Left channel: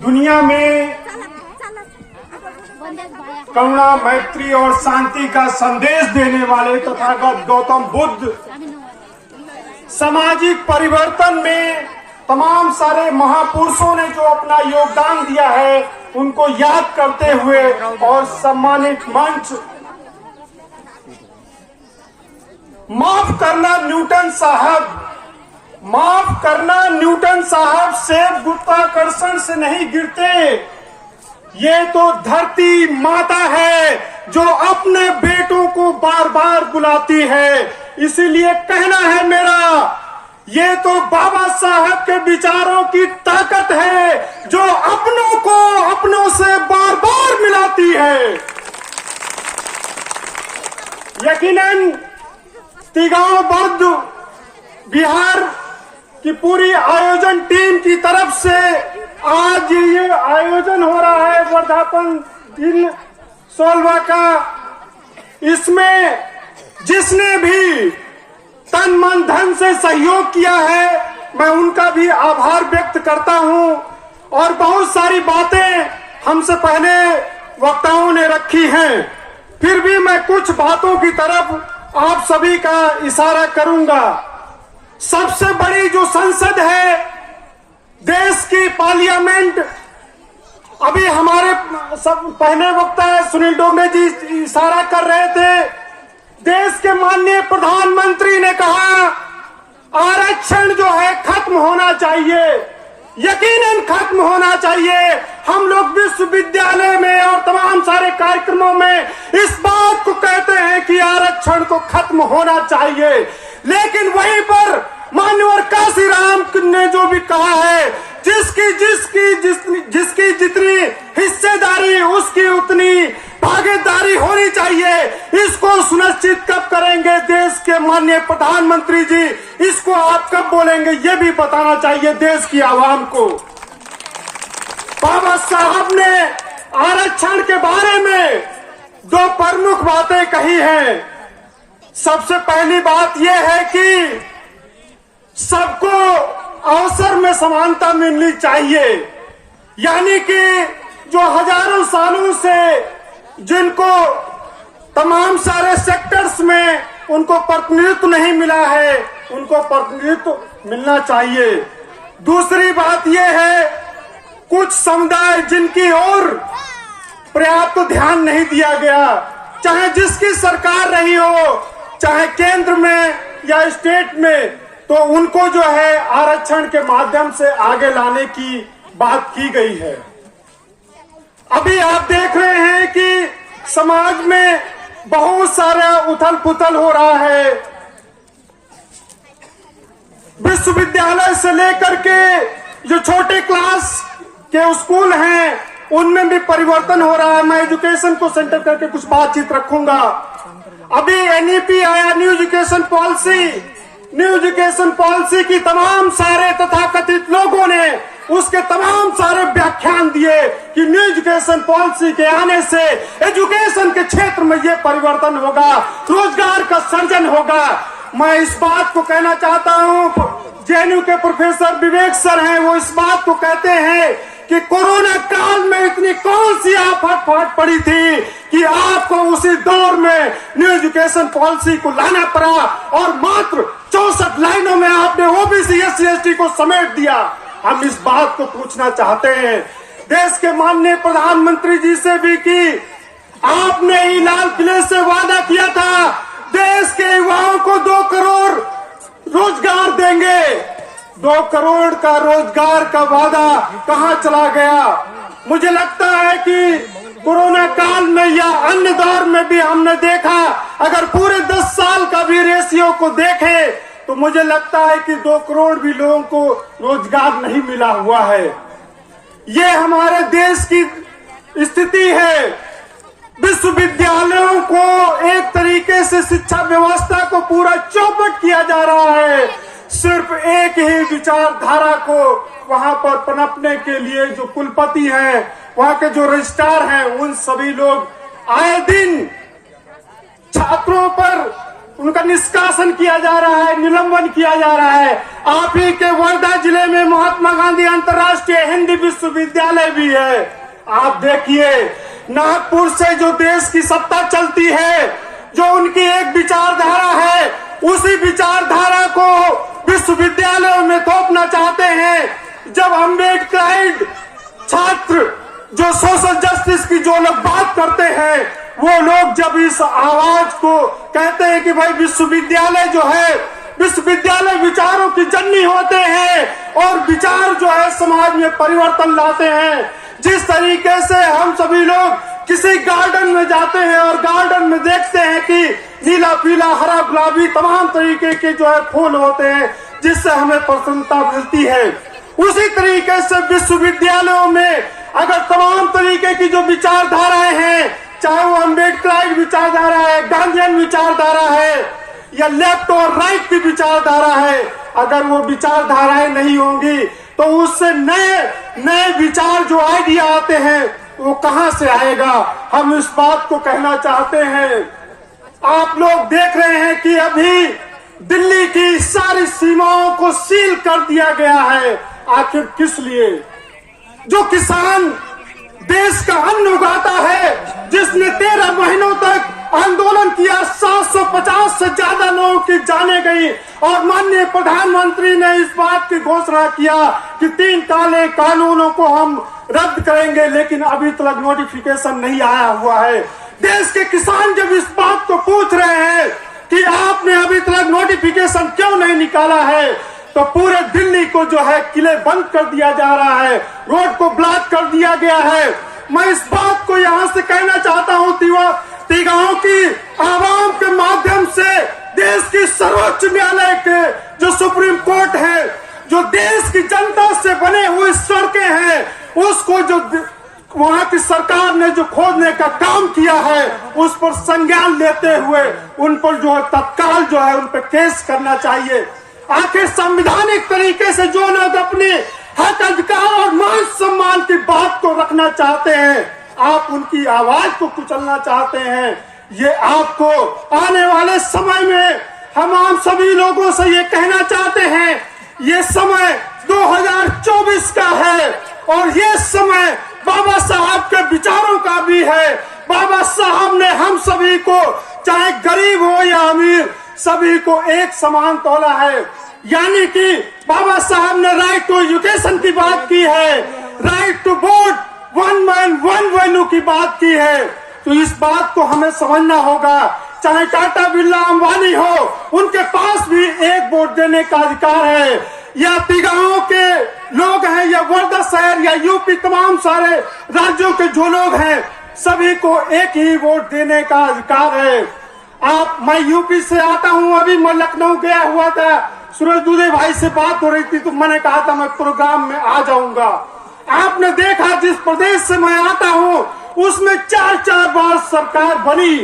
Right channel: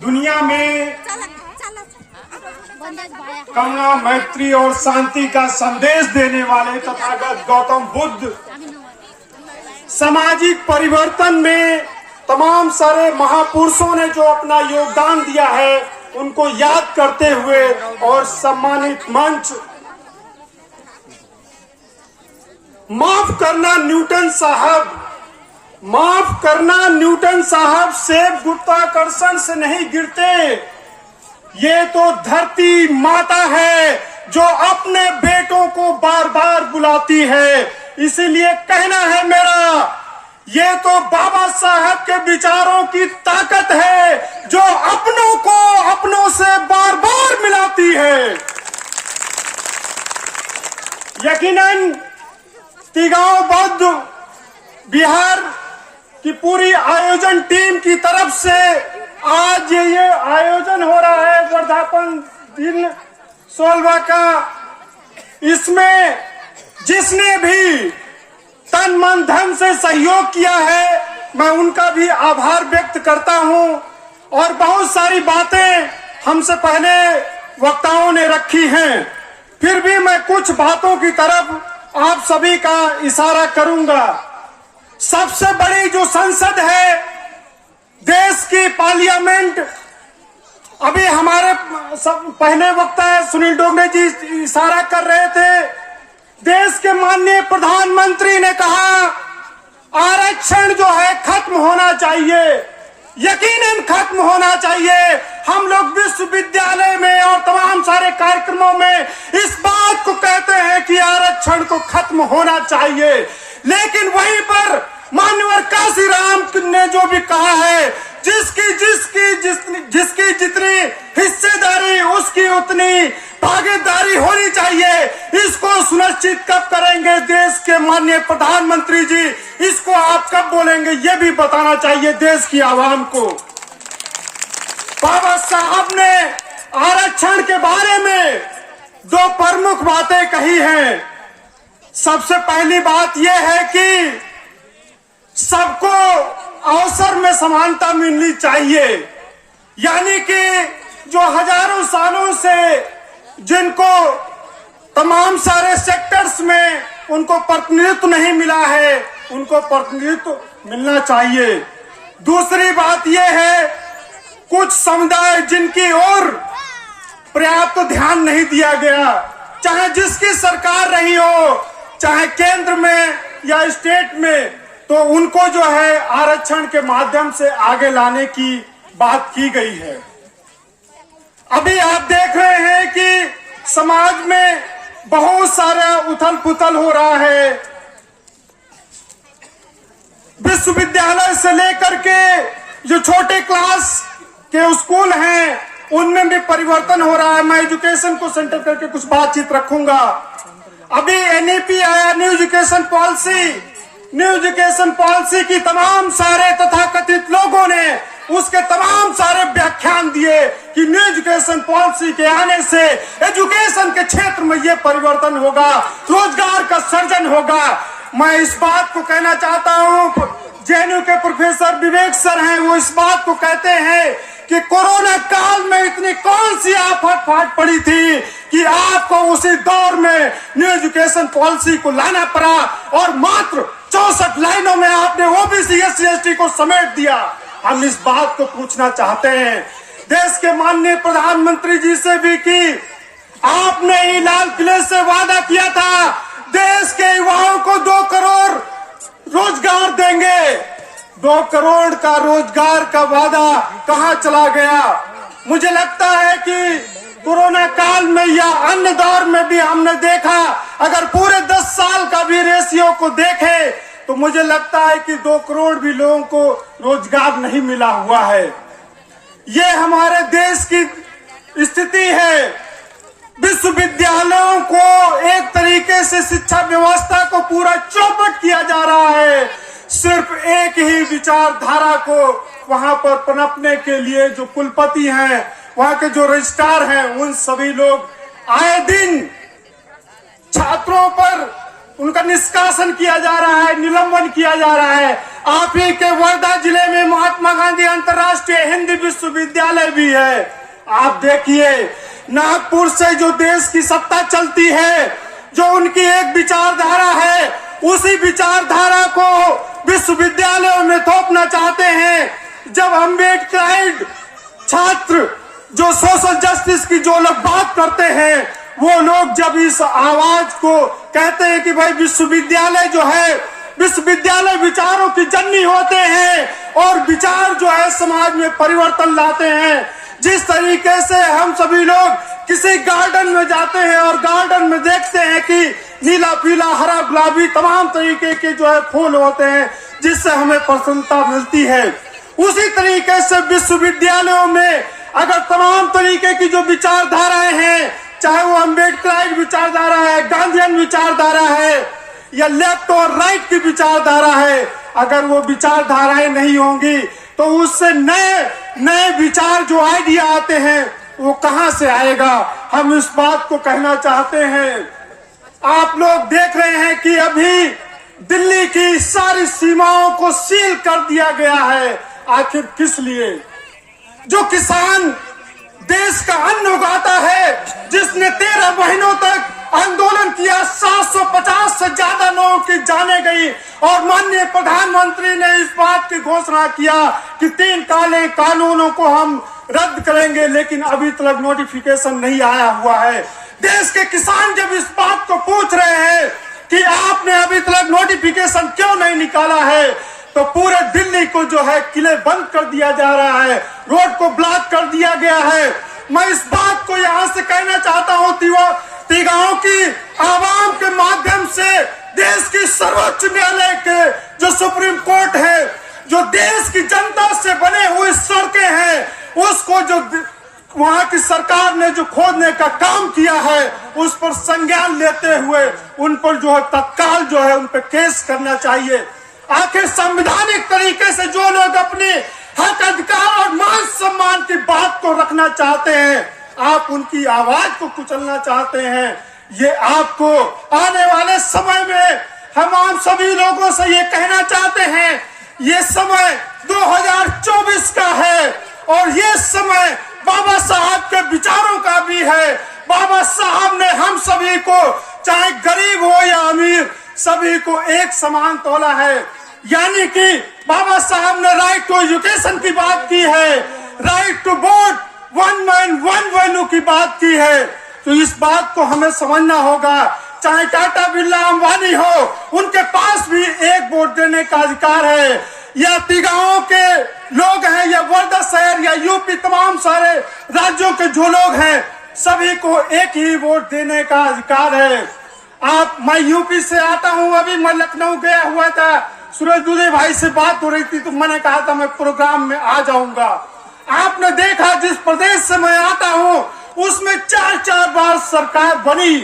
दुनिया में करुणा, मैत्री और शांति का संदेश देने वाले तथागत गौतम बुद्ध सामाजिक परिवर्तन में तमाम सारे महापुरुषों ने जो अपना योगदान दिया है उनको याद करते हुए और सम्मानित मंच माफ करना न्यूटन साहब सेब गुरुत्वाकर्षण से नहीं गिरते। ये तो धरती माता है जो अपने बेटों को बार बार बुलाती है। इसीलिए कहना है मेरा, ये तो बाबा साहब के विचारों की ताकत है जो अपनों को अपनों से बार बार मिलाती है। यकीनन तिगांव बौद्ध बिहार की पूरी आयोजन टीम की तरफ से आज ये आयोजन हो रहा है वर्धापन दिन 16वां का। इसमें जिसने भी तन मन धन से सहयोग किया है मैं उनका भी आभार व्यक्त करता हूं। और बहुत सारी बातें हमसे पहले वक्ताओं ने रखी हैं, फिर भी मैं कुछ बातों की तरफ आप सभी का इशारा करूंगा। सबसे बड़ी जो संसद है देश की पार्लियामेंट, अभी हमारे सब पहले वक्ता सुनील डोगरे जी इशारा कर रहे थे, देश के माननीय प्रधानमंत्री ने कहा आरक्षण जो है खत्म होना चाहिए, यकीनन खत्म होना चाहिए। हम लोग विश्वविद्यालय में और तमाम सारे कार्यक्रमों में इस बात को कहते हैं कि आरक्षण को खत्म होना चाहिए, लेकिन वहीं पर माननीय काशीराम ने जो भी कहा है जिसकी जितनी हिस्सेदारी उसकी उतनी भागीदारी होनी चाहिए। इसको सुनिश्चित कब करेंगे देश के माननीय प्रधानमंत्री जी, इसको आप कब बोलेंगे ये भी बताना चाहिए देश की आवाम को। बाबा साहब ने आरक्षण के बारे में दो प्रमुख बातें कही हैं। सबसे पहली बात यह है कि सबको अवसर में समानता मिलनी चाहिए, यानी कि जो हजारों सालों से जिनको तमाम सारे सेक्टर्स में उनको प्रतिनिधित्व नहीं मिला है उनको प्रतिनिधित्व मिलना चाहिए। दूसरी बात यह है कुछ समुदाय जिनकी ओर पर्याप्त ध्यान नहीं दिया गया, चाहे जिसकी सरकार रही हो, चाहे केंद्र में या स्टेट में, तो उनको जो है आरक्षण के माध्यम से आगे लाने की बात की गई है। अभी आप देख रहे हैं कि समाज में बहुत सारा उथल पुथल हो रहा है। विश्वविद्यालय से लेकर के जो छोटे क्लास के स्कूल हैं उनमें भी परिवर्तन हो रहा है। मैं एजुकेशन को सेंटर करके कुछ बातचीत रखूंगा। अभी एनईपी आया, न्यू एजुकेशन पॉलिसी की तमाम सारे तथाकथित लोगों ने उसके तमाम सारे व्याख्यान दिए कि न्यू एजुकेशन पॉलिसी के आने से एजुकेशन के क्षेत्र में ये परिवर्तन होगा, रोजगार का सृजन होगा। मैं इस बात को कहना चाहता हूँ, जेएनयू के प्रोफेसर विवेक सर हैं, वो इस बात को कहते हैं कि कोरोना काल में इतनी कौन सी आफत फाट पड़ी थी कि आपको उसी दौर में न्यू एजुकेशन पॉलिसी को लाना पड़ा और मात्र 64 लाइनों में आपने ओबीसी SC/ST को समेट दिया। हम इस बात को पूछना चाहते हैं देश के माननीय प्रधानमंत्री जी से भी कि आपने ही लाल किले से वादा किया था देश के युवाओं को 2 करोड़ रोजगार देंगे। 2 करोड़ का रोजगार का वादा कहां चला गया? मुझे लगता है कि कोरोना काल में या अन्य दौर में भी हमने देखा, अगर पूरे 10 साल का भी रेशियो को देखें तो मुझे लगता है कि 2 करोड़ भी लोगों को रोजगार नहीं मिला हुआ है। ये हमारे देश की स्थिति है। विश्वविद्यालयों को एक तरीके से शिक्षा व्यवस्था को पूरा चौपट किया जा रहा है। सिर्फ एक ही विचारधारा को वहां पर पनपने के लिए जो कुलपति हैं, वहां के जो रजिस्ट्रार हैं, उन सभी लोग आए दिन छात्रों पर उनका निष्कासन किया जा रहा है, निलंबन किया जा रहा है। आप ही के वर्धा जिले में महात्मा गांधी अंतर्राष्ट्रीय हिंदी विश्वविद्यालय भी है। आप देखिए, नागपुर से जो देश की सत्ता चलती है, जो उनकी एक विचारधारा है, उसी विचारधारा को विश्वविद्यालयों में थोपना चाहते हैं। जब अम्बेडकर छात्र जो सोशल जस्टिस की जो लोग बात करते हैं, वो लोग जब इस आवाज को कहते हैं कि भाई विश्वविद्यालय जो है, विश्वविद्यालय विचारों की जननी होते हैं और विचार जो है समाज में परिवर्तन लाते हैं। जिस तरीके से हम सभी लोग किसी गार्डन में जाते हैं और गार्डन में देखते हैं कि नीला पीला हरा गुलाबी तमाम तरीके के जो है फूल होते हैं, जिससे हमें प्रसन्नता मिलती है, उसी तरीके से विश्वविद्यालयों में अगर तमाम तरीके की जो विचारधाराएं हैं, चाहे वो अम्बेडकर विचारधारा है, गांधीयन विचारधारा है या लेफ्ट और राइट की विचारधारा है, अगर वो विचारधाराएं नहीं होंगी तो उससे नए विचार जो आइडिया आते हैं वो कहां से आएगा। हम इस बात को कहना चाहते हैं। आप लोग देख रहे हैं कि अभी दिल्ली की सारी सीमाओं को सील कर दिया गया है। आखिर किस लिए? जो किसान देश का अन्न उगाता है, जिसने 13 महीनों तक आंदोलन किया, 750 से ज्यादा लोगों की जाने गई और माननीय प्रधानमंत्री ने इस बात की घोषणा किया कि 3 काले कानूनों को हम रद्द करेंगे, लेकिन अभी तक नोटिफिकेशन नहीं आया हुआ है। देश के किसान जब इस बात को पूछ रहे हैं कि आपने अभी तक नोटिफिकेशन क्यों नहीं निकाला है, तो पूरे दिल्ली को जो है किले बंद कर दिया जा रहा है, रोड को ब्लॉक कर दिया गया है। मैं इस बात को यहाँ से कहना चाहता हूँ, तिगाओं की आवाम के माध्यम से देश की सर्वोच्च न्यायालय के जो सुप्रीम कोर्ट है, जो देश की जनता से बने हुए सड़कें हैं, उसको जो वहाँ की सरकार ने जो खोदने का काम किया है, उस पर संज्ञान लेते हुए उन पर जो है तत्काल जो है उन पर केस करना चाहिए। आखिर संवैधानिक तरीके से जो लोग अपने हक अधिकार और मान सम्मान की बात को रखना चाहते हैं, आप उनकी आवाज को कुचलना चाहते हैं। ये आपको आने वाले समय में हम सभी लोगों से ये कहना चाहते हैं, ये समय 2024 का है और ये समय बाबा साहब के विचारों का भी है। बाबा साहब ने हम सभी को, चाहे गरीब हो या अमीर, सभी को एक समान तोला है। यानी कि बाबा साहब ने राइट टू एजुकेशन की बात की है, right to vote, one man one value की बात की है। तो इस बात को हमें समझना होगा। चाहे टाटा बिरला अंबानी हो, उनके पास भी एक वोट देने का अधिकार है। या तिगाओं के लोग हैं या वर्धा शहर या यूपी तमाम सारे राज्यों के जो लोग हैं, सभी को एक ही वोट देने का अधिकार है। मैं यूपी से आता हूँ, अभी मैं लखनऊ गया हुआ था, सूरज दुबे भाई से बात हो रही थी तो मैंने कहा था मैं प्रोग्राम में आ जाऊंगा। आपने देखा जिस प्रदेश से मैं आता हूँ उसमें 4 बार सरकार बनी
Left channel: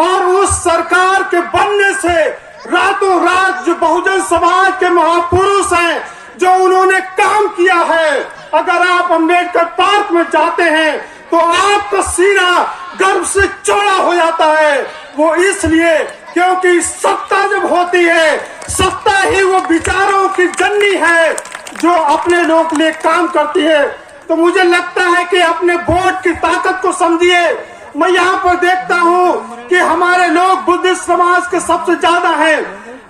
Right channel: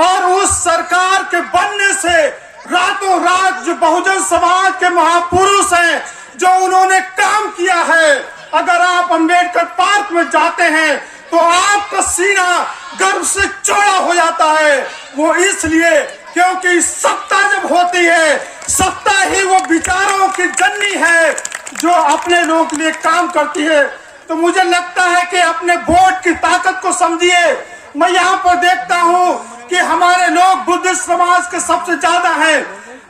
और उस सरकार के बनने से रातों रात जो बहुजन समाज के महापुरुष हैं, जो उन्होंने काम किया है, अगर आप अंबेडकर पार्क में जाते हैं तो आपका सीना गर्व से चौड़ा हो जाता है। वो इसलिए क्योंकि सत्ता जब होती है, सत्ता ही वो विचारों की जननी है जो अपने लोग लिए काम करती है। तो मुझे लगता है कि अपने वोट की ताकत को समझिए। मैं यहाँ पर देखता हूँ कि हमारे लोग बुद्धिस्ट समाज के सबसे ज्यादा हैं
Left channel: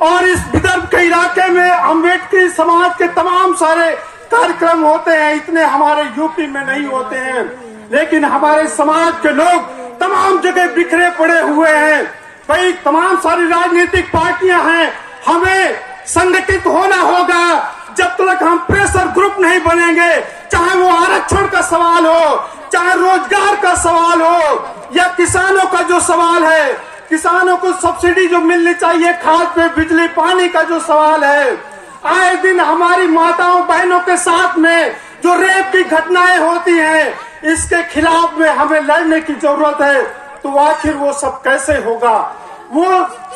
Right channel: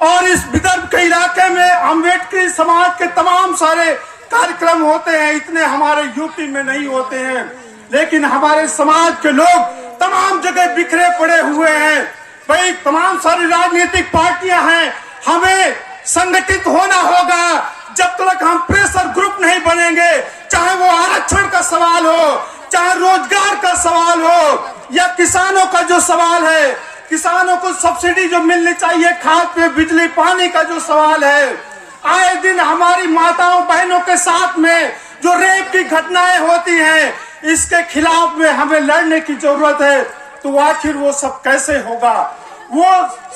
और इस विदर्भ के इलाके में अम्बेडकरी समाज के तमाम सारे कार्यक्रम होते हैं, इतने हमारे यूपी में नहीं होते हैं। लेकिन हमारे समाज के लोग तमाम जगह बिखरे पड़े हुए हैं। भाई तमाम सारी राजनीतिक पार्टियां हैं, हमें संगठित होना होगा। जब तक हम प्रेशर ग्रुप नहीं बनेंगे, चाहे वो आरक्षण का सवाल हो, चाहे रोजगार का सवाल हो या किसानों का जो सवाल है, किसानों को सब्सिडी जो मिलनी चाहिए, खाद पे बिजली पानी का जो सवाल है, आए दिन हमारी माताओं बहनों के साथ में जो रेप की घटनाएं होती हैं, इसके खिलाफ में हमें लड़ने की जरूरत है। तो आखिर वो सब कैसे होगा? वो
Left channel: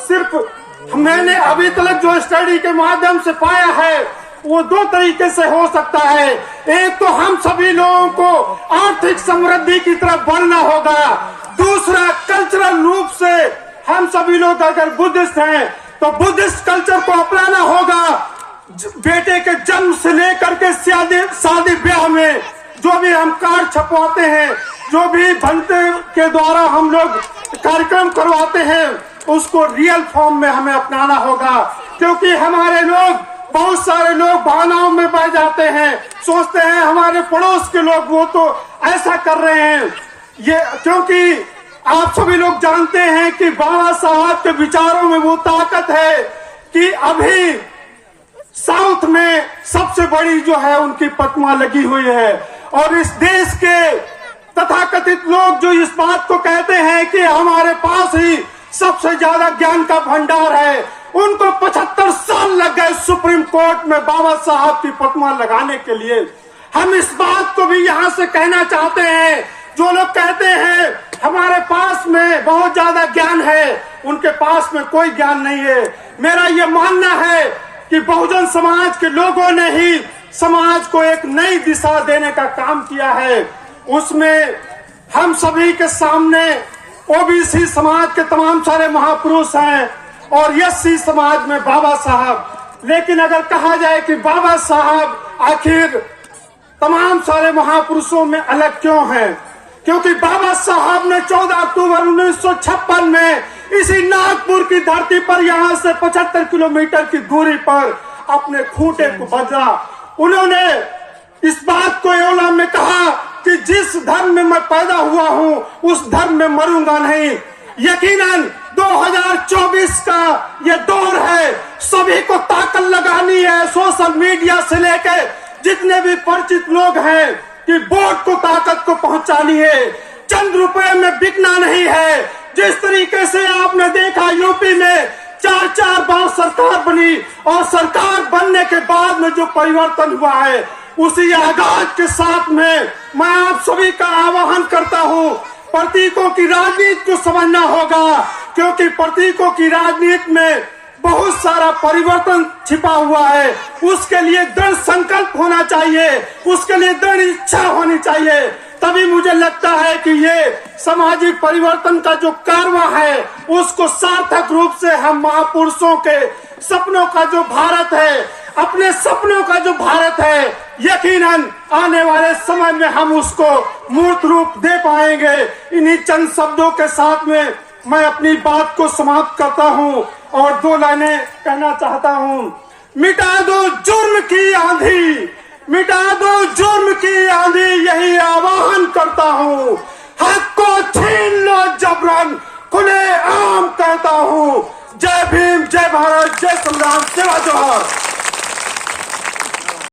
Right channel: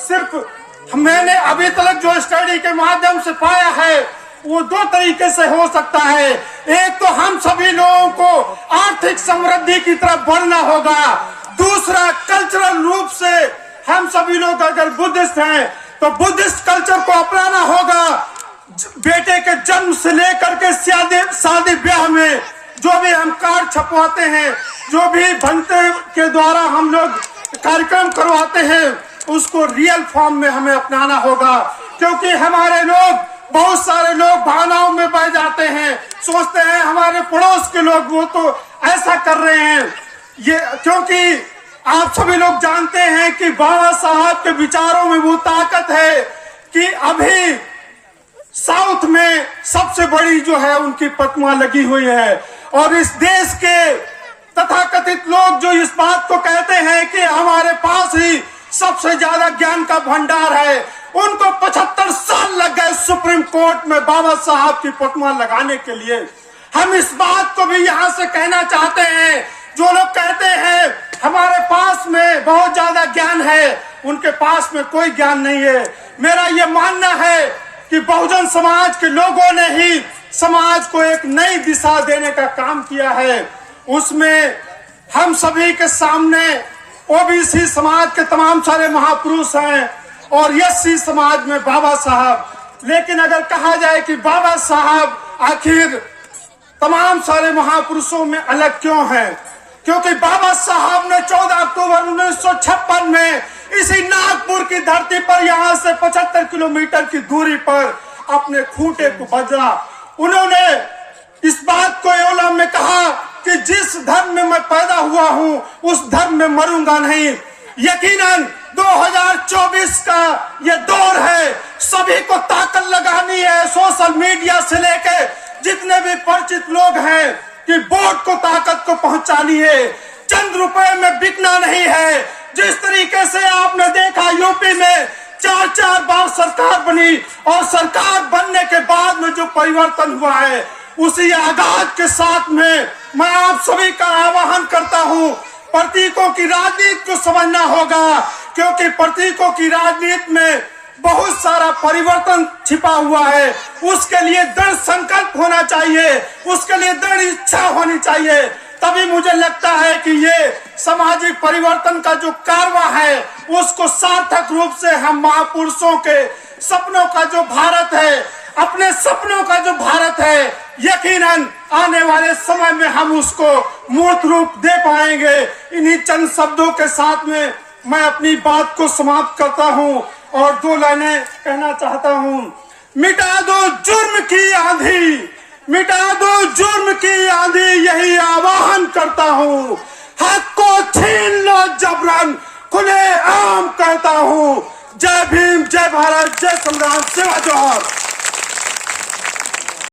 सिर्फ मैंने अभी तक जो स्टडी के माध्यम से पाया है वो 2 तरीके से हो सकता है। एक तो हम सभी लोगों को आर्थिक समृद्धि की तरफ बढ़ना होगा, दूसरा कल्चरल रूप से हम सभी लोग अगर बुद्धिस्ट हैं तो बुद्धिस्ट कल्चर को अपनाना होगा। बेटे के जन्म से लेकर के शादी ब्याह में जो भी हम कार्ड छपवाते हैं, जो भी बनते के द्वारा हम लोग कार्यक्रम करवाते हैं, उसको रियल फॉर्म में हमें अपनाना होगा। क्योंकि हमारे लोग, बहुत सारे लोग भावनाओं में बह जाते हैं, सोचते हैं हमारे पड़ोस के लोग वो तो ऐसा कर रहे हैं। ये क्योंकि आप सभी लोग जानते हैं कि बाबा साहब के विचारों में वो ताकत है कि अभी साउथ में सबसे बड़ी जो है उनकी प्रतिमा लगी हुई है। और इस देश के तथाकथित लोग जो इस बात को कहते हैं कि हमारे पास ही सबसे ज्यादा ज्ञान का भंडार है, उनको 75 साल लग गए सुप्रीम कोर्ट में बाबा साहब की प्रतिमा लगाने के लिए। हम इस बात को भी यहाँ से कहना चाहते हैं, जो लोग कहते हैं हमारे पास में बहुत ज्यादा ज्ञान है, उनके पास में कोई ज्ञान नहीं है। मेरा ये मानना है कि बहुजन समाज के लोगों ने ही समाज को एक नई दिशा देने का काम किया है। उसमें हम सभी के सामने ओबीसी समाज के तमाम सारे महापुरुष हैं और एससी समाज में बाबा साहब। लेकिन अगर कहा जाए कि बाबा साहब आखिर तमाम सारे महापुरुषों में अलग क्यों हैं, क्योंकि बाबा साहब ने 14 अक्टूबर 1956 में इसी नागपुर की धरती पर यहाँ से 75 किलोमीटर की दूरी पर अपने खूंटे को बजा। उन्होंने इस बात को एवं में कहा कि जिस धर्म में मैं पैदा हुआ हूँ उस धर्म में मरूंगा नहीं। यकीनन 2024 का ये दौर है, सभी को ताकत लगानी है, सोशल मीडिया से लेकर जितने भी परिचित लोग हैं, कि वोट को ताकत को पहुंचानी है। चंद रुपए में बिकना नहीं है। जिस तरीके से आपने देखा यूपी में 4 बार सरकार बनी और सरकार बनने के बाद में जो परिवर्तन हुआ है, उसी आगाज के साथ में मैं आप सभी का आह्वान करता हूं, प्रतीकों की राजनीति को समझना होगा। क्योंकि प्रतीकों की राजनीति में बहुत सारा परिवर्तन छिपा हुआ है। उसके लिए दृढ़ संकल्प होना चाहिए, उसके लिए दृढ़ इच्छा होनी चाहिए। तभी मुझे लगता है कि ये सामाजिक परिवर्तन का जो कारवां है, उसको सार्थक रूप से हम महापुरुषों के सपनों का जो भारत है, अपने सपनों का जो भारत है, यकीनन आने वाले समय में हम उसको मूर्त रूप दे पाएंगे। इन्हीं चंद शब्दों के साथ में मैं अपनी बात को समाप्त करता हूँ और 2 लाइनें कहना चाहता हूँ। मिटा दो जुर्म की आंधी, मिटा दो जुर्म की आंधी, यही आह्वान करता हूँ। हक को छीन लो जबरन, खुले आम कहता हूँ। जय भीम, जय भारत, जय संग्राम, सेवा जोहार।